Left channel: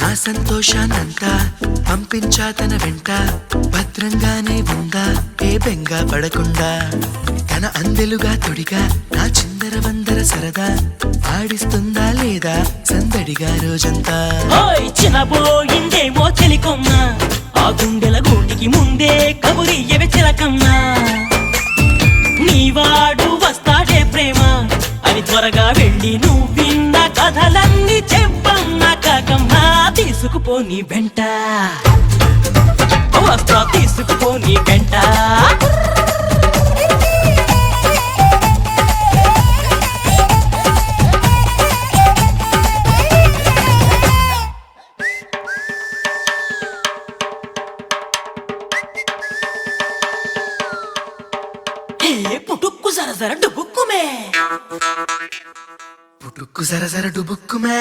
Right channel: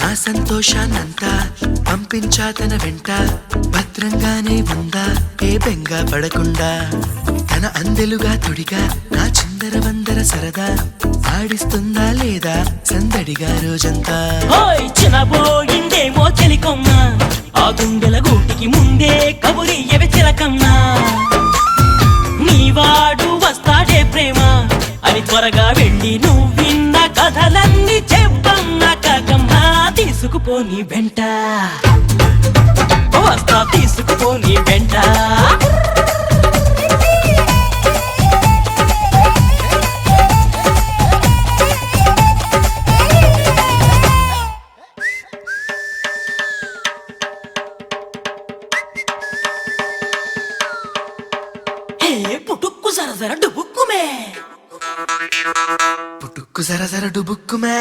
నా సంతోషాన్నంతా పంపించా తన వెంట, భద్రంగానే ఉందా ఏ బెంగ పడకుండా. తన అందెలుగా తొడిగా నా చిందర వందర సరదా, ఆడిస్తుందా లేదా సందడిగా రోజంతా. చినబోయిందేమో చెలికొమ్మ, ఆ గుండెల గూటికి ముందే కబురియవే చిలకమ్మా. నీవాడు వస్తాడే ప్రేమ అని త్వరగా వెళ్ళి నువ్విన్న కథలన్నీ చెప్పమ్మా కాకమ్మా. తీసుకుపోని వెంట వస్తా, తీసుకుపోని వెంట. పుటుక్కు జర జర డుబుక్కుమే, పుటుక్కు జర జర డుబుక్కుమే.